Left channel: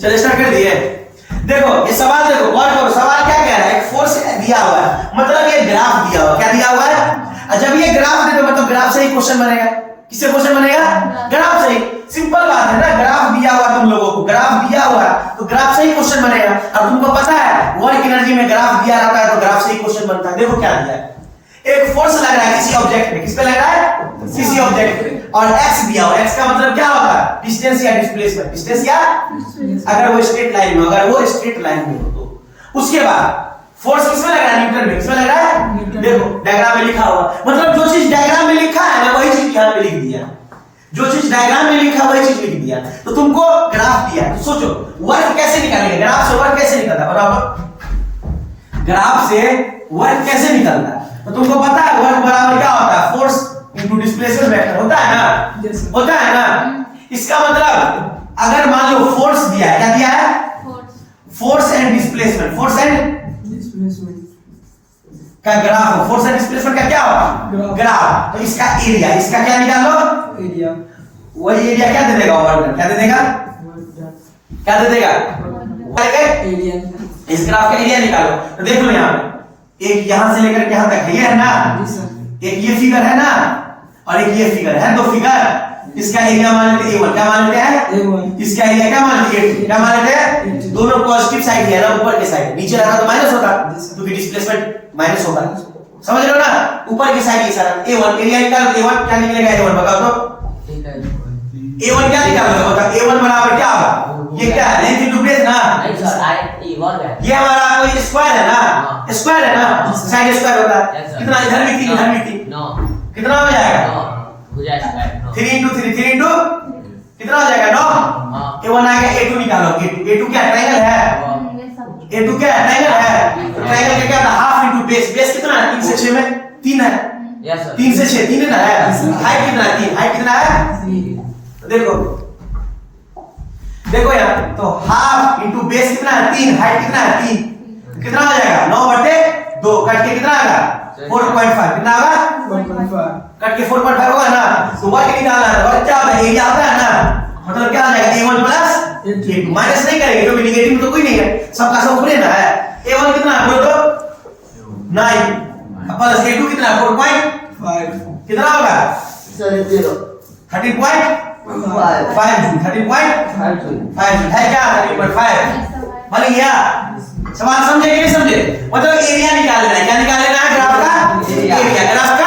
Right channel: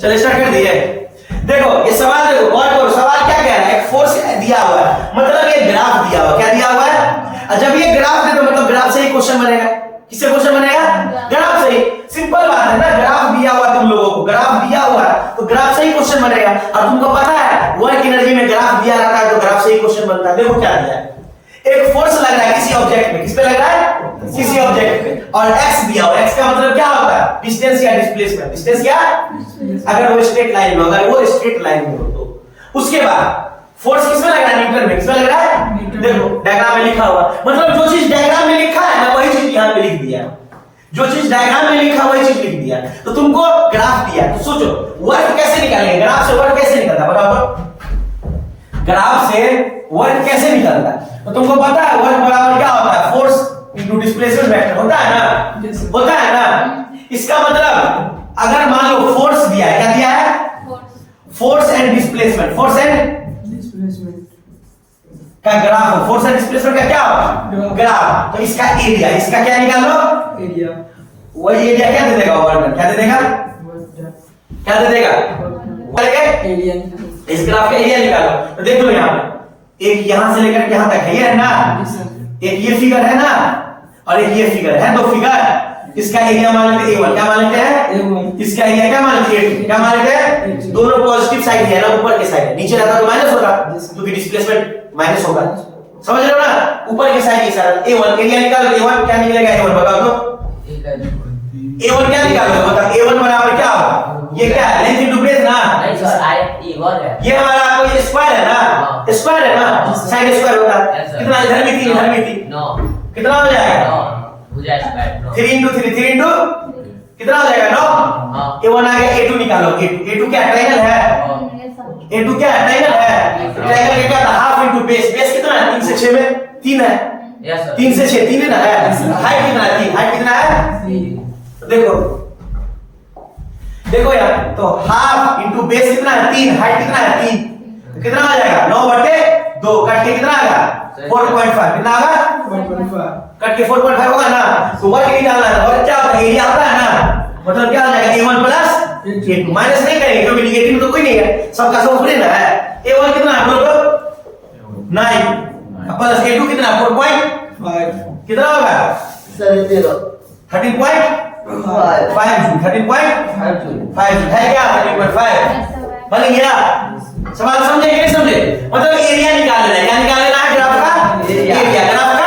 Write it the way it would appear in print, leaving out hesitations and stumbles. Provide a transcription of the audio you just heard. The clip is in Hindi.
चलो स्टार्ट कर दिए। देखो ये सवाल देखो गौर करो, सवाल क्या कह रहा है, एक फोर्स दिया हुआ है, मतलब ये ग्राफ दिया हुआ है। क्या दिया हुआ है? और जब ये ग्राफ दे तो मतलब ग्राफ से ही क्वेश्चन बनेगा। किससे क्वेश्चन बनेगा? ग्राफ से ही। सिंपल बात है ना, ग्राफ दिया हुआ तुम लोगों को, ग्राफ दिया हुआ है तो ग्राफ से ही क्वेश्चन बनेगा। और तुमको पता है वर्क एनर्जी में ग्राफ दिया रहता है तो ग्राफ से ही क्वेश्चन बनता है। देखो क्या दिया है, एक फोर्स लग रहा है किसी ऑब्जेक्ट में, किस पे लग रहा है? किसी ऑब्जेक्ट पे, और x दिया हुआ है। x का मतलब क्या होता है? डिस्टेंस या डिस्प्लेसमेंट। डिस्टेंस या अगर वो स्ट्रेट लाइन में, अगर वो स्ट्रेट लाइन में हो तो उसके बाद फोर्स किसमें लग रहा है? न्यूटन में। किसमें लग रहा है? देखो डायग्राम में लिखा हुआ, मतलब जो चीज डायग्राम में लिखा है ना वही चीज यहां पे लिख दिया। जो चीज डायग्राम में लिखा वही चीज लिख दिया। तो तुमको ग्राफ दिया तो सोचो वर्क कैसे निकालेंगे, ग्राफ से वर्क कैसे निकलता है बताओ तो। ग्राफ से वर्क कैसे निकलता है तो तुमको पता है वर्क बराबर क्या होता है? फोर्स इनटू डिस्प्लेसमेंट वेक्टर होता है ना, होता है ना। इसका मतलब अगर मान लो फोर्स दिया है, क्या दिया है? Force and displacement, force and का ग्राफ हो, फोर्स एंड डिस्प्लेसमेंट का क्या होगा? ग्राफ। तो इसका एरिया, इसका क्या निकालो? एरिया। वही एरिया क्या दे देगा? वर्क। क्या दे देगा? क्या दे देगा? एरिया। इस ग्राफ का एरिया निकालो। तो देख लो यहाँ पे एक यहां से लेकर के यहां तक है ना, एक ये फिगर है ना और एक ये फिगर है, दो फिगर। इसका एरिया मान लेते हैं A1, क्या मान लेते हैं? A1। इसका एरिया क्या मान लेते हैं? क्या मान लेते हैं? दोनों पॉजिटिव साइड है ना, ऊपर के साइड, नीचे रहता तो माइनस होता क्योंकि डिस्प्लेसमेंट माइनस होगा। समझ रहे हो ना? ऊपर की साइड के साथ A1 एरिया निकालो। A1 क्या निकलेगा? A1 बताओ तो। A1 क्या निकालोगे? बताओ A1 बराबर क्या होगा? ये क्या है? लेंथ इनटू बेस ना। नहीं सर A1 है। ये हमारा कोई स्क्वायर है ना, स्क्वायर है ना, साइड स्क्वायर होता है। कितना इधर भी 3, इधर भी 3, 9 कितना हो जाएगा? 9 हो जाएगा 3 into 3, 3 into कितना हो जाएगा? 9। A1 आ गया, A2 निकालो। A2 क्या ट्रायंगल है? A2 क्या ट्रायंगल है? ट्रायंगल का क्या होता है? Half into base. बेस कितना है? 3 से 6 में 3 है। Yes sir. 3 से 6 3 है ना है। हाइट कितना है? 3। हाइट कितना है? तो देखो यार, तो हाफ इनटू बेस कितना है? 3। हाइट कितना है? 3। कितना आ जाएगा? 9/2 कट के कितना आएगा? 4.5। कितना आएगा? 4.5। कट के 4.5 होगा ना। तो वर्क निकालना है, वर्क क्या होता है? एरिया होता है ना, मतलब क्या हो जाएगा? A1 plus A2। माइनस नहीं करेंगे क्योंकि नेगेटिव में तो कोई नहीं है, सबका सब पूरे ना है। A1 कितना है बोलो तो? 9 प्लस A2 कितना? 4.5। कितना होगा? सर 13.5 13.5 है क्या? 13.5 बन गया। सवाल समझे कि नहीं समझे? मतलब एरिया निकाल लेना है। क्या निकाल लेना है? ग्राफ का एरिया। ग्राफ